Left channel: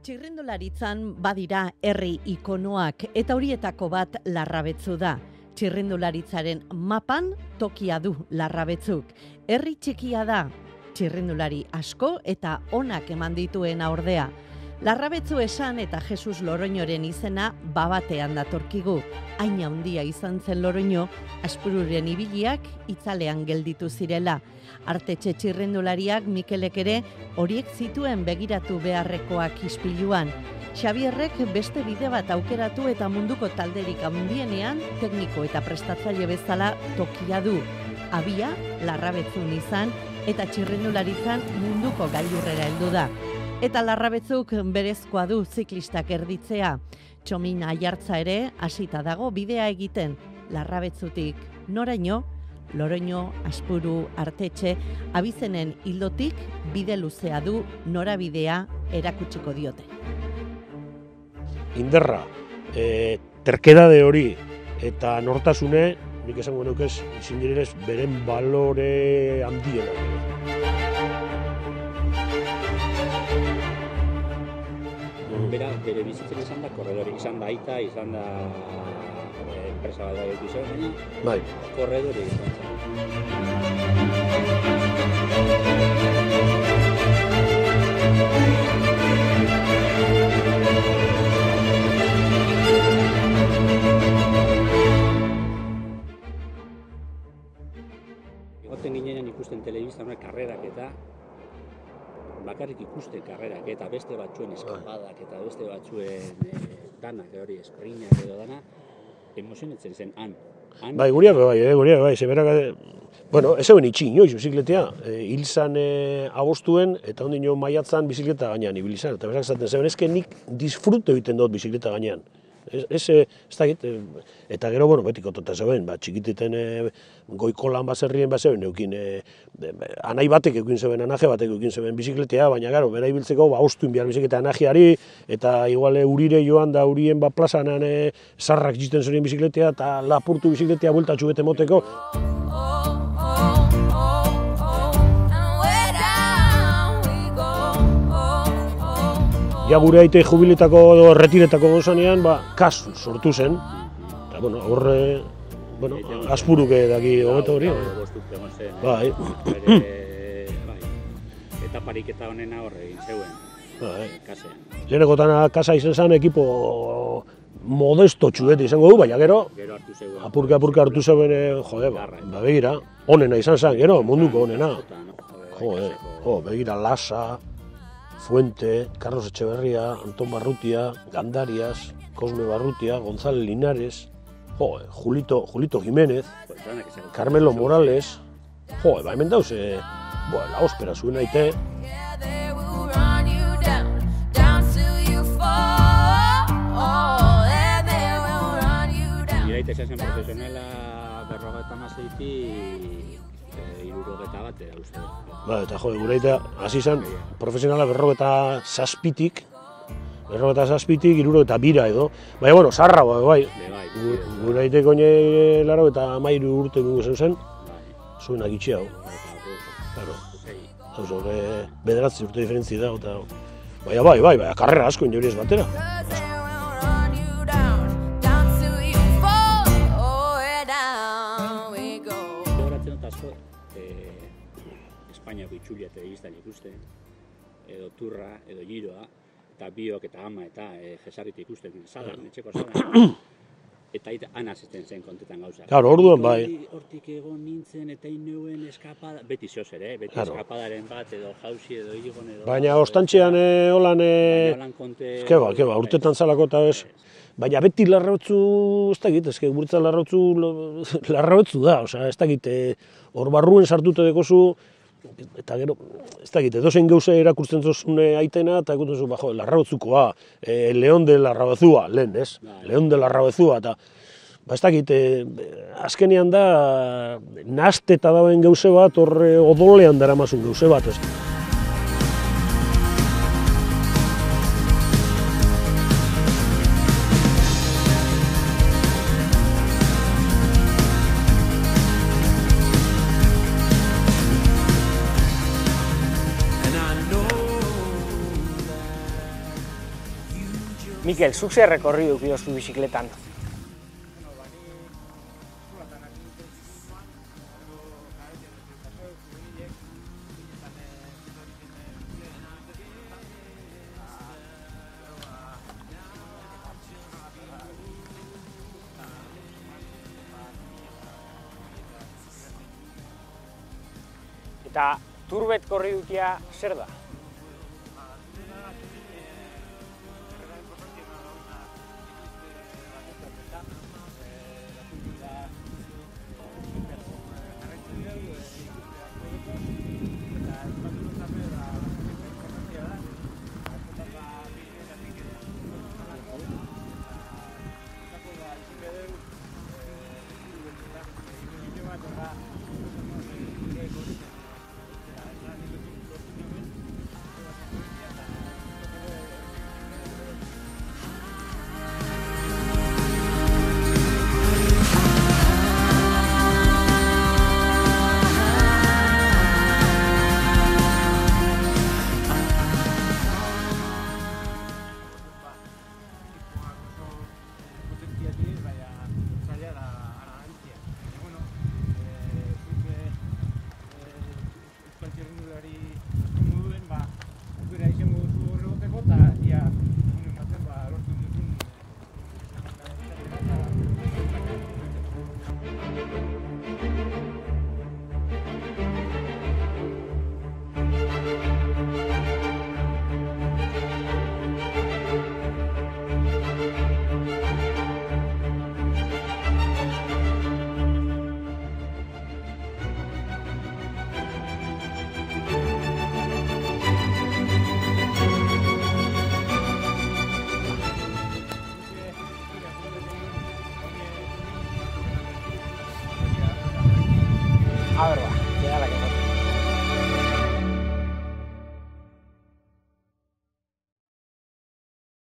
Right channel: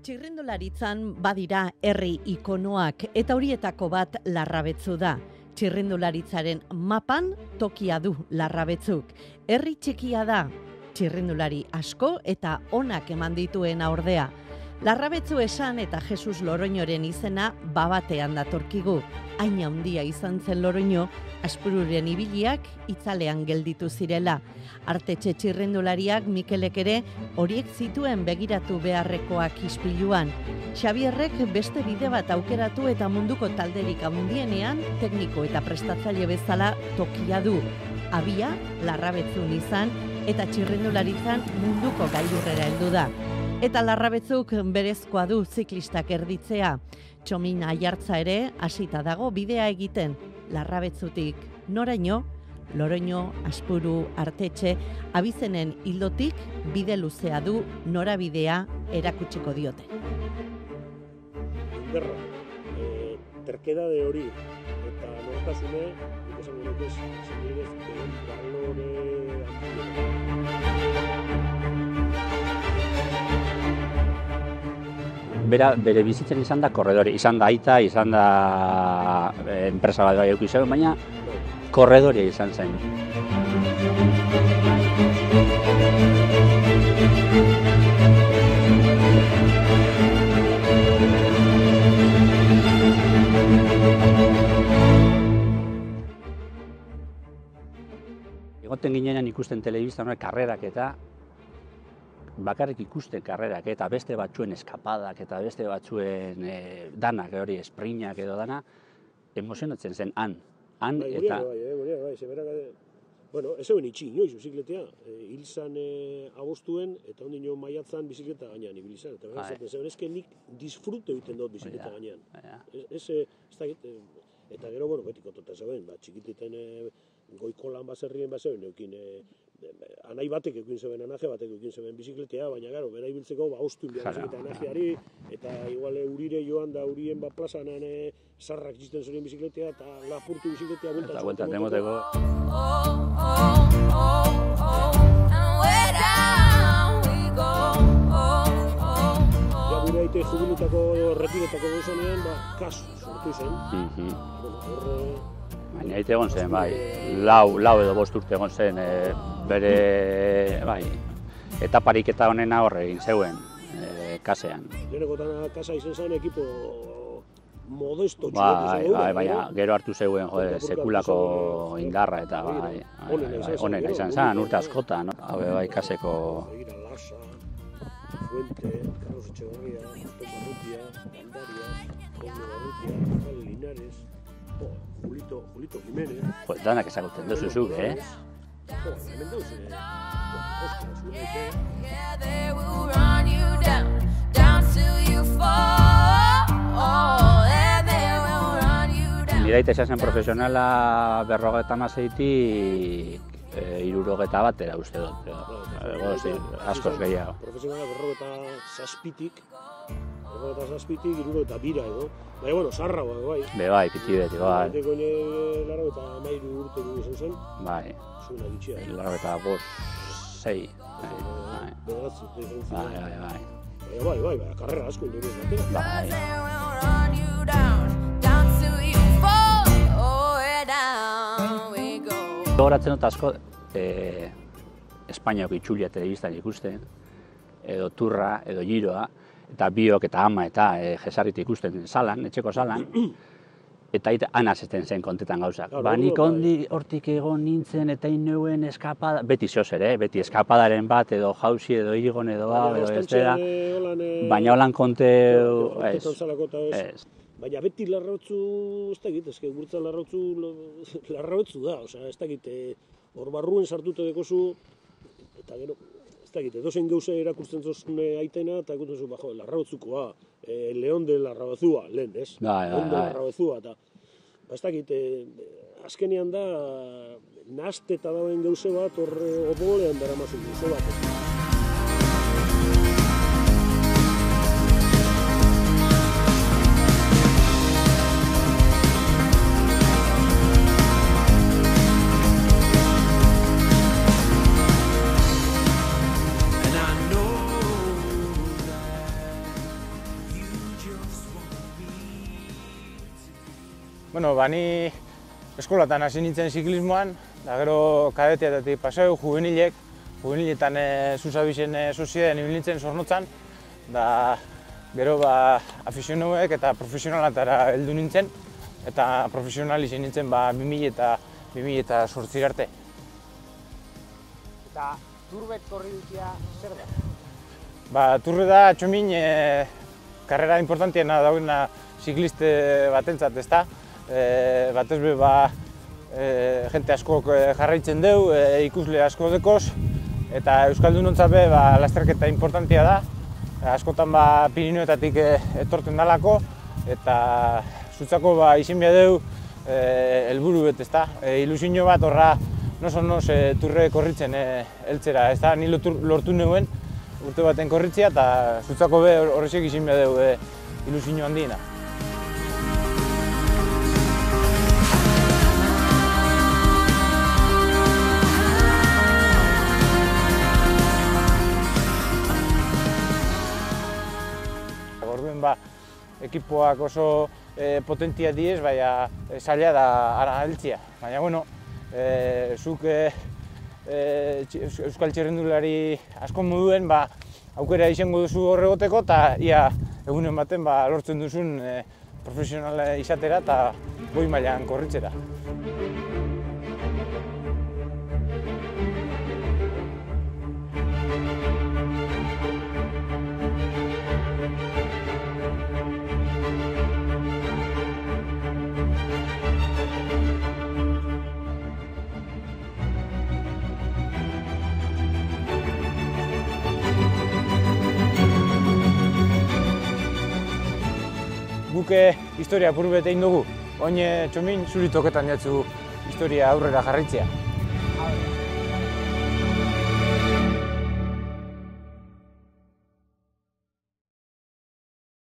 Txirrindularitzan badira herri ikonoak eta horietako bat Larrabetzu da. Txirrindularitzaren mapan tokia du Larrabetzuk. Herri txikia da, txirrindulari asko eta onak eman dituena ordea. Larrabetzu esan eta Jesus Loroñoren izena babatean datorkigu. Hain handia izan zen Loroño, Aspururen ibiliak itzalean gelditu zirela. Artetxe txirrindulariak Mikelek ere horiek zituen begiratu beharrekoak ispiluan. Xabierrek beste bide bat aukeratu eta munduko talderik handienean tekniko eta prestatzaile bezala tokia du. Abia, Larrabetzun izan eta txirrindularitzan munduko gailurrera heldu da. Eta Larrabetzuk berezkoa du ziklistak erditzea. Txomin Aiartza ere hasita dago bidea egiten. Larrabetzutik noraino, Loroño, Aspuru, Artetxe, abizenen hildotik bide luzea du norabidea erakutsiko diote. Inderra, terkedade hori eta nortasune, nik esango nuke ezin direlez beren balore handiena. Bere bizitzen izan da korredore, izan da aita, izan da enpresa bat bai izan, baina korredorea izan zen. Egoten ginean ikusten telebistan karrerak eta bakarrik ikuste karrerak eta beste batzuen eskapadak eta beste batzuen danak, hori esprinak edo dana, emozionatzen zen han. Bai, guriak bai, zeberak, bueno, ez zeuen itxin, joiz, bizikletea, hil zan agostuen eta ondino maiatzan bizikleta gainean ibili zan, eta berak zaten zeben, ezke nik disfrute egiten dut bizikleta gainean. Ez dakit, eta gero, bueno, betiko tota zeuen, txikiteten goiko lan baserrien zeuen, eukin, anai batek eukin zeuen, anaje batek eukin zeuen bizikletea, baina gero, bera ibiltzeko, ostuin behar bizikleta anajeari, eta igual urire joan da urien plazanan sarrak jisten zuen bizikletea, eta lapurtu bizikletea bueltatxu bete moteko. Ja, gure aite jubiletako edo retiretako gozanean, kasu sortu zen. Eta, bueno, horre, Aspuruke daki. Lau edo 5 urte egon zen, bere, etaparik eta honena horre egin zeuen, kasean. Lehenekotan kasa izan zen ekipo modesto txuet izango du, baina gero... Gero hartu zeuen, apurka hartu zeuen, begira, onena izan zen, gero, munduko onena. Begira, Lasa, Fuente, Carlos Etxeberria, Anton Barrutia, Gandarias, Cosme Barrutia, González Linares, Julito Jiménez, Carmelo Morales, hemen dauz, la ospera zuen aite. Iraite esan profesionala 56-tik 61 uste dut. Eta Iraite hasi zen profesionala 57-tik, 62 edo. Baina, bueno, zarra bai. Bai, pizidez. Iraite koine 83 urte dugu zen. Bai. Zuen agitxea. 6. Bederatzi urte diferentzi da. Bai, karrera asko inoriez batera. Gogoratzen dut asko, Espainiako itxulia telebistan ikusten, edo Turra, edo Giroa, eta Biok eta Ama eta jesarrit ikusten salan, etxeko salan, eta han azesten zen kontetan gauzak. Hortik egon nintzen eta ineuen eskapada, beti zoz ere, beti eskapadaren bat, edo jauzi, edo igon, edo... Baina ostantxean holan... Baina holan konte... Urtetan zalako eta ez... Baina beti Larrabatzu, ez dakit, ezke guretzat Larrabatzu da, ez dakit, hor barruen sartute dekozu, eta gero, ez dakit, edozein gauze erakurtzen zozune aitena, eta ikutu zu, Larrabatzukoa, León de Larrabatzua, lehen, ez? León de Larrabatzua, eta, ez dakit, azkenean da, nahazteta dauen gauze bat, hor odolean daramazun gauze bat, ez? Mikel, zuk zer rekorri duk bihoztu bizikletan? Bueno, ni eskolatan hasi nintzen ziklismoan, da gero kadeteatetik paseu, juveniletan Zuzabisen sozieden ibiltzen Zornotzan, da gero afizionauek eta profesionalatara heldu nintzen, eta profesional izan nintzen 2000 eta 2008 arte. Eta turbet korri dukia zer da? Turbe da txomin karrera importantiena dagoena zikliste batentzat, ezta? Batez be jente askok jarraitzen deu, ikusle asko dekoz, eta euskaldunontzat be lasterketa importantia da. Askotan Pirinioetatik etortzen dalako, eta zutzako izin behar deu helburu bet, ezta? Ilusio bat horra nos turre korritzen heltzera, ezta? Ni lortu neuen urte baten korritzea, eta zutzako be horrexek izin behar deu ilusio handiena. Ekipoak oso potentia diez, baina zaila da ara heltzea. Baina, bueno, zuk euskal txirrendulari asko moduen aukera izango duzu horregoteko, eta ia egunen baten lortzen duzun profesionala izatera eta goi mailan korritzera. Historia apur bet egin dugu, oin txomin zuri toketan jatzu historia aurrera jarritzea. A ber,